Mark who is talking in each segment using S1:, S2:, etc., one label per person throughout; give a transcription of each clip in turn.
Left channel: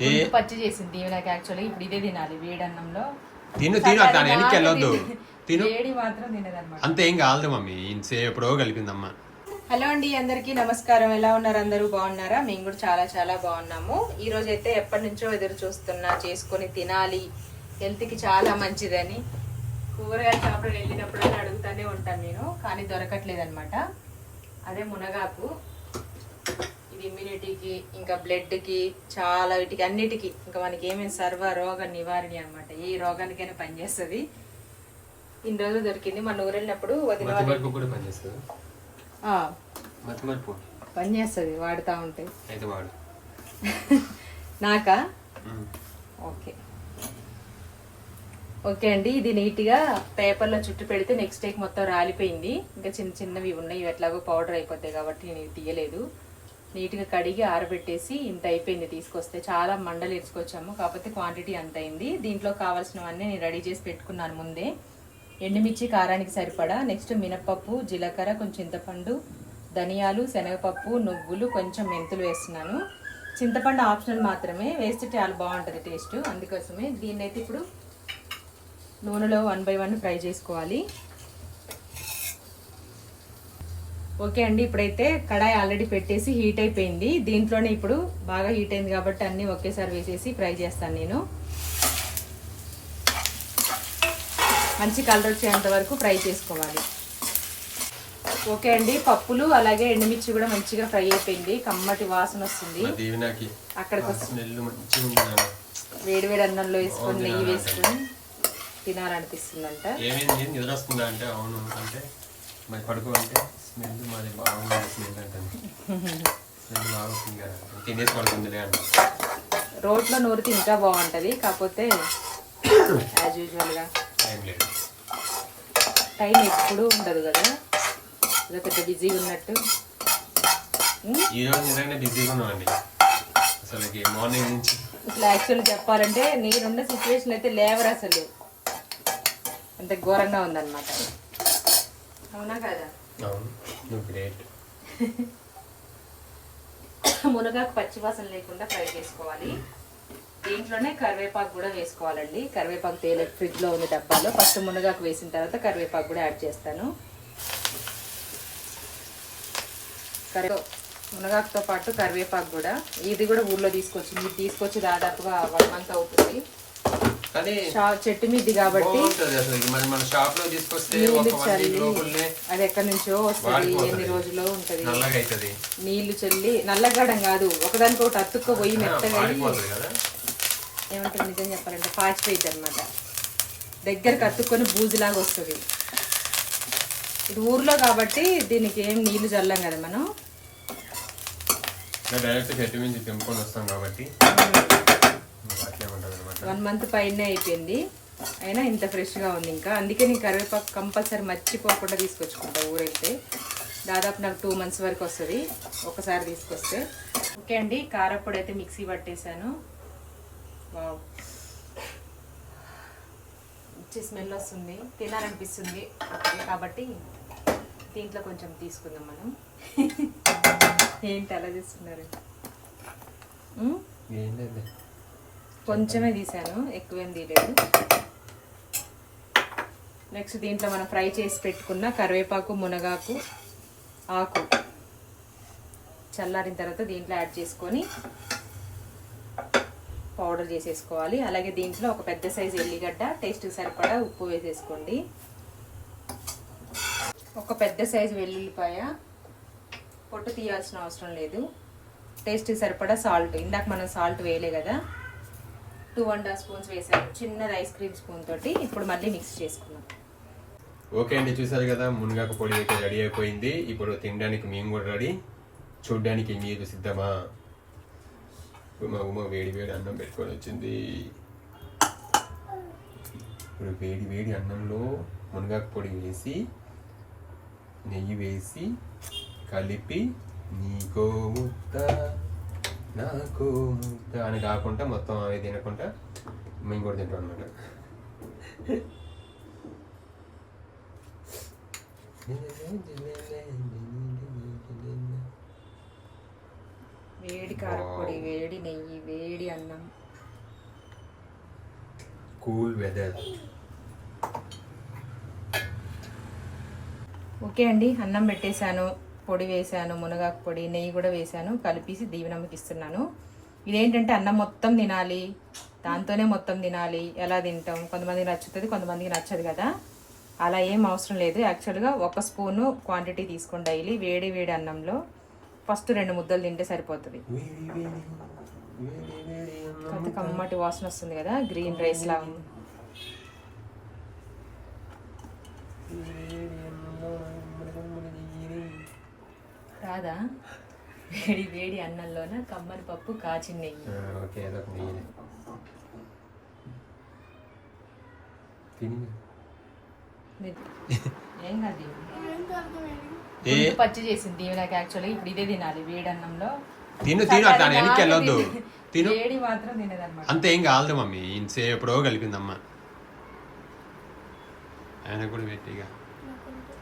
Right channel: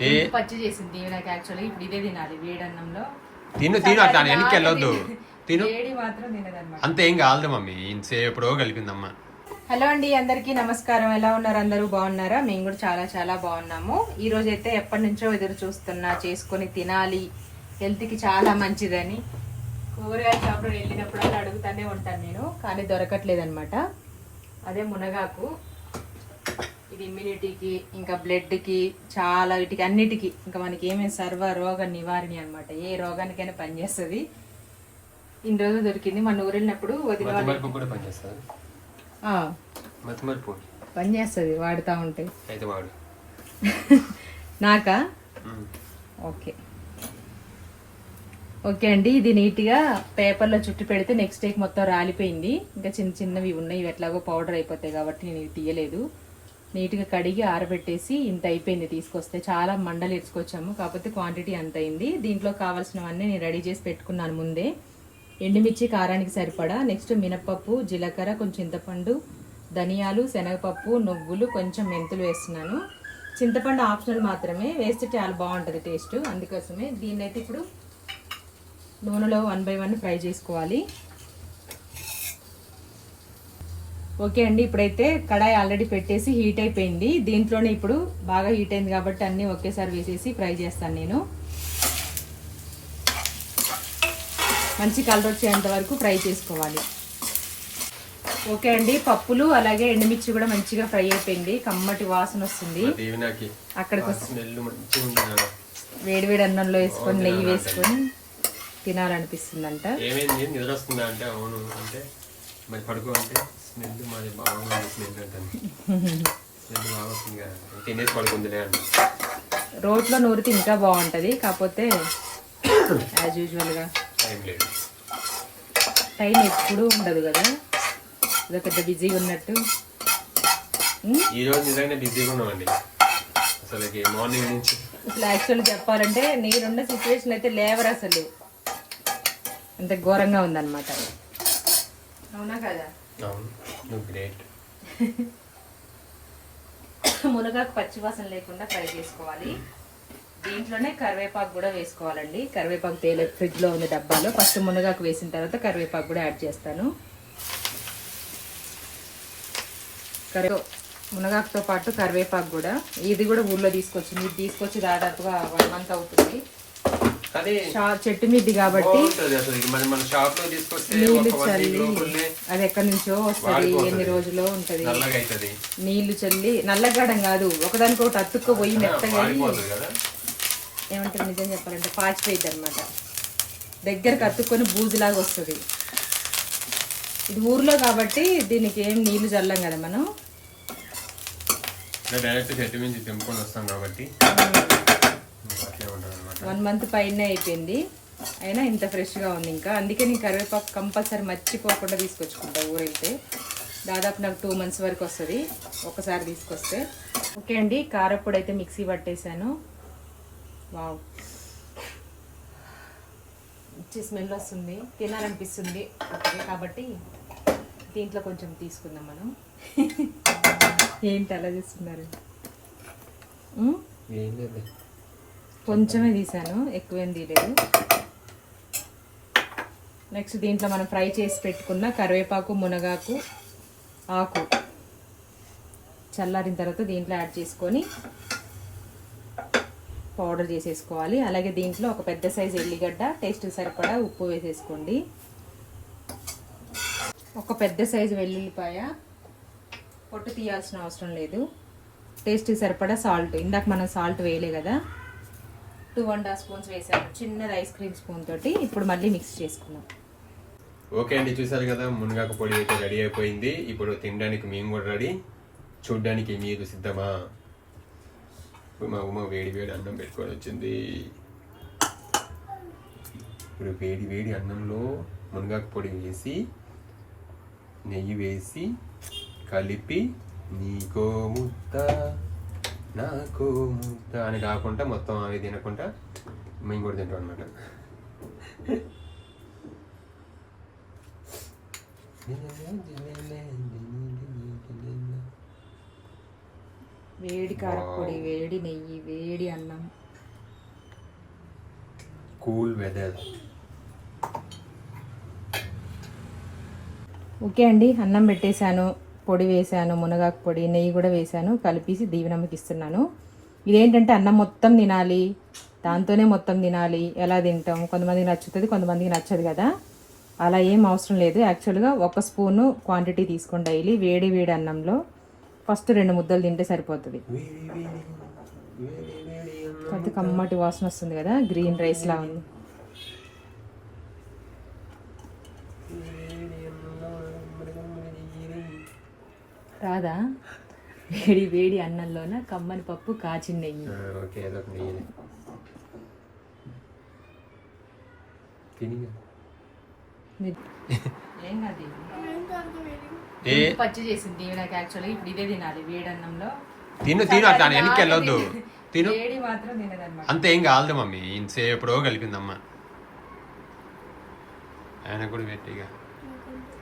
S1: ఏం పచ్చి చేసింది నాకు యాక్చువల్లీ ఇప్పుడు ఇదే తినాలి వేడి అన్నంలో
S2: తిను తిను అట్లా వెనక్కి వెళ్ళొద్దు. తిను.
S1: వేడి మాత్రం తినదన్నమాట.
S2: అంత ఏం కాదు మమ్మీ. ఎప్పుడో కలిపిందమ్మా.
S1: హలో అండి అందరికీ నమస్కారం. ఎలా ఉన్నారు అందరూ? బాగున్నారా? మేము కూడా చాలా చాలా బాగున్నాము. ఈ రోజు అయితే ఎప్పటి నుంచో ఎదురు చూస్తున్నా చేసుకొని తినాలి. హెల్త్కి చాలా మంచిదని. కూరగాయల షాప్లో వెళ్ళినప్పుడు అడుగుతానే ఉంటాను నేను కానీ దొరకట్లేదు అనమాట అదే మునగాకు. ఇది ఇమ్యూనిటీకి ఇంకా బ్లడ్కి చాలా వీటికి అన్నిటికీ. ఇంకా మనకి ఏమేమి సర్వ రోగ నివారణ అన్నమాట. ఏ రోగానికైనా పనిచేస్తుంది ఇన్ని రోజులు దొరికింది. మన ఊరు వెళ్ళినప్పుడు వదిన వాళ్ళు-
S2: మతిమరుపు కూడా పనిచేస్తుంది
S1: వాడుతూ ఉంటే. నాకా. ఓకే. ఓకే అండి ఇది నీట్గా పేపర్లో చుట్టి పెడితే నెక్స్ట్ డేకి మొత్తం రాలిపోయింది. ఇంకా చిన్న చిన్నవి ఉన్నాయి ఇవి ఎట్లాగో పౌడర్ అయిపోతాయి కాబట్టి నేను తీయలేదు. నీట్గా కడిగి ఆరబెట్టేసి ఇంత అయిపోయింది తీసుకొస్తే. చాలా మండలు ఇరుచుకొచ్చాము. కాకపోతే క్వాంటిటీ అంత అయింది. దీంట్లో కావాల్సినవన్నీ నేను రెడీ చేసి పెట్టుకున్నాను ముందే. ఎండుమిర్చి కారానికి సరిపడా. నెక్స్ట్ మినపప్పు జీలకర్ర కొంచెం చింతపండు ధనియాలు శనగపప్పు నువ్వులు కొంచెం మెంతులు వేస్తున్నాను. చింతపండు ఆప్షనల్ మాత్రమే. వేస్తే చాలా బాగుంటుంది టేస్ట్. అందుకోసమే దీన్నైతే ఇప్పుడు నూనెలో వన్ బై వన్ ఫ్రై చేసుకోవాలి. ఓకే అండి ఇప్పుడైతే కడాయి ఆల్రెడీ పెట్టేసి హీట్ అయిపోయింది. దీంట్లోనే ఇప్పుడు బాగా హీట్ అయింది కాబట్టి అన్నీ ఒకేసారి వేసేసి ఫ్రై చేస్తాను నేను. మంచి కలర్ వచ్చేంత వరకు ఫ్రై చేసుకోవాలి. ఓకే అండి పప్పులు అలాగే ఎండుమిర్చి కూడా మంచిగా ఫ్రై అయిపోయింది. కమ్మటి వాసన వస్తుంది. అక్కడికి. వేడి వేడి అన్నంలో వేసుకొని నెయ్యి వేసుకొని
S2: అవును అంటే మరి పడుకో అంటే స్మెల్ మాది బాగుంది స్మెల్ అంటే స్మెల్ బాగా వస్తుంది కదా. తినేసి పడుకుందిలే అంట
S1: రోట్లో నూరితే ఇంకా బాగుంటుంది కాకపోతే యాజ్ యూజువల్గా
S2: టైం లేదు.
S1: టైం ఎప్పుడూ ఉండదు కదా. పెద్ద బిజీగా ఉన్నట్టు. ఉమ్,
S2: ఈ రోజు నిజంగా బిజీగా ఉన్నామండి అసలు మార్నింగ్ నుంచి
S1: అసలు యాక్చువల్ చెప్పాలంటే నేనున్న సిచ్యువేషన్ అయితే లేవరు అసలు అంత ఘోరంగా ఉందన్నమాట. అవునా కదా?
S2: అవును. నువ్వు గ్రేట్.
S1: మునగాకు పచ్చివాసన లేకుండా ఫ్రై చేసుకోవాలి. దీంట్లోనే కరివేపాకు కూడా వేసుకోవాలండి. కరివేపాకు తేలే ఫ్రిడ్జ్లో ఉంది డబ్బాలో. ఫస్ట్ మునగాకు వేసిన తర్వాత కరివేపాకు కూడా యాడ్ చేస్తాను. కరివే మునగాకుతో పాటు కరివేపాకు కూడా. ఇది కూడా ఊర్లో తీసుకొచ్చింది ఇది తీసుకొచ్చి దాదాపుగా వన్ మంత్ అవుతుంది. చెట్టు మిద్ది కాబట్టి
S2: మన షాప్లో తీసుకొస్తే
S1: అది ఎక్కడి నుంచో వస్తుంది. ఎన్ని రోజులో ఉంటది. నీళ్ళు చల్లి నల్లగాడం కాదు ఒకదానికి ఒకటి అతుక్కుపోయి మెత్తగా ఏమంటారు నిజం చెప్పాలంటే పాచిపోయింది అనమాట దగ్గరకు అతుక్కొని బూజులాగా వస్తుంది. ఇది ఊర్లో కాబట్టి దీనికి ఏం నీళ్ళు చల్లం కదా మనం.
S2: డైరెక్ట్ చెట్టు నుంచి తెంపుకొని వస్తాం కాబట్టి.
S1: వన్ మంత్ పైనే అయిపోయింది. అయినా ఇంత ఫ్రెష్గా ఉంది ఇంకా. అందుకే నేను కరివేపాకు కంపల్సరీ మర్చిపోకుండా తీసుకొచ్చుకుంటా ఊరెళ్తే దాదాపు నాకు టూ మంత్స్ వరకు వస్తుంది. ఒకసారి తీసుకొస్తే. ఓకే అండి కారప్పొడి అయితే మిక్సీ పట్టేశాను. వావ్. మంచి స్మెల్ వస్తుంది. తినాలనిపిస్తుంది. కాబట్టి దీంట్లో కొంచెం తీసుకుందాం మనం. ఏంటి అలా చేస్తున్నారు కొంచెమే తీసాను ఎక్కువేం తీయలేదు. నెక్స్ట్ దీంట్లో మనం ఫ్రై చేసి పెట్టుకున్న కరివేపాకు మునగాకు ఆకు చల్లారిన తర్వాత దీంట్లో యాడ్ చేసుకొని పౌడర్ చేసేసుకోవాలి. అలాగే దీంట్లో ఒక పెద్ద సైజు ఎల్లిగడ్డ టేస్ట్ సరిపడా ఉప్పు వేసేసుకోండి. ఒక పెద్ద సైజు వెల్లుల్లిపాయ పొట్టు తీయాల్సిన అవసరం లేదు. టేస్ట్ సరిపడా సాల్ట్. ఇందాక మనం సాల్ట్ వేయలే కదా. టూ అండ్ హాఫ్ స్పూన్స్ వేసాను. చిన్నది ఐస్ క్రీమ్ స్పూన్ తోటి ఇప్పుడు మళ్ళీ మిక్స్ చేసుకున్నాం
S2: ఓకే అండి చూసారు కదా మునగాకు పొడి అయితే రెడీ అయిపోయింది. ఇప్పుడు తినడానికి మేము కూడా రెడీ. చూడ్డానికి మీరు సిద్ధమా? ఇప్పుడు మా ఉమ వేడి వేడి అన్నం పెట్టుకొని వచ్చింది. ఇప్పుడు వేడి వేడి అన్నంలో మునగాకు పొడి వేసి నెయ్యి వేసి కలిపి నీకో ముద్ద. నాకో ముద్ద అని కాకుండా మొత్తం అవి తినకుండా మేము కూడా తింటాం అనమాట
S1: వేడి కారపొడి వేడి నెయ్యి వేడి అన్నం.
S2: Cool weather.
S1: ఓకే అండి అన్నం పెట్టేశాను. పొడి వేశాను మునగాకు పొడి నెయ్యి కూడా వేశాను కలిపేసి దీవెనమ్మకి ఇస్తున్నాను. ఇదేంటంటే అన్నం మొత్తం తినాలి దాంతోనే మొత్తం తినాలి ఎలా తింటాం కొంతమంది నచ్చుతుంది కొంతమందికి నచ్చదు కదా. అలా ఏం అవసరం లేదు. యాక్చువల్గా ఒక స్పూను క్వాంటిటీ తీసుకోండి డైలీ వేడి వేడి అన్నంలో. ఫస్ట్ రెండు ముద్దలు తింటే సరిపోతుంది. అది కమ్మటి వాసన వస్తుంది కదా గ్రీన్ రైస్ లా ఉంది
S2: వేడి అన్నంలో మురగముర నెయ్యి.
S1: రాదా వేడి వేడి అన్నంలోన కమ్మని పప్పు కాచిన నెయ్యి.
S2: ఆ, ఓకే అదొక నెయ్యి తిని
S1: ఏం కాదు పచ్చి చేసింది నాకు యాక్చువల్గా ఇప్పుడు ఇదే తినాలి వేడి అన్నంలో.
S2: తిను తిను దాని వెనక్కి వెళ్ళొద్దు. తిను.
S1: వేడి మాత్రం తినదన్నమాట.
S2: అంత ఏం కాదు మమ్మీ. ఇంతసేపు ఎప్పుడో కలిపిందమ్మ. ఆయన కూడా పెట్టిగా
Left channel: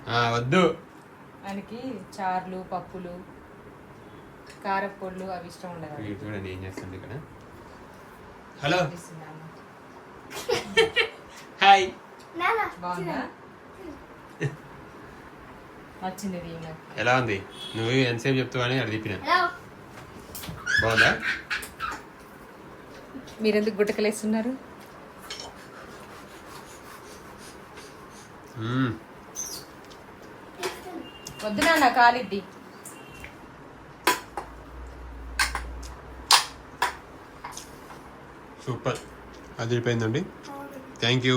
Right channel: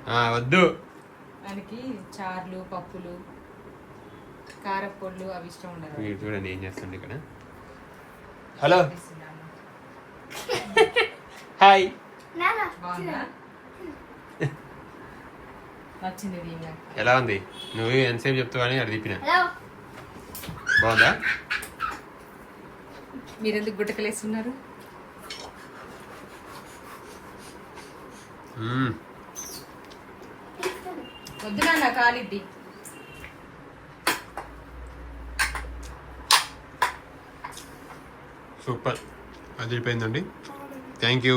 S2: ఆ, వద్దు.
S1: మనకి చార్లు పప్పులు. కారపొళ్ళు అవి ఇష్టం ఉండదు.
S2: వీడు చూడండి ఏం చేస్తుంది ఇక్కడ? హలో. హాయ్.
S1: బాగుందా నచ్చింది
S2: ఎలా ఉంది? నువ్వు ఎంతసేపు చెప్తావు అని అది తిప్పిన బాగుందా?
S1: మీరెందుకు గుట్టకలేస్తున్నారు. వద్దు నాన్న కాలిద్ది
S2: సూపర్. అదిరిపోయిందండి థ్యాంక్ యూ.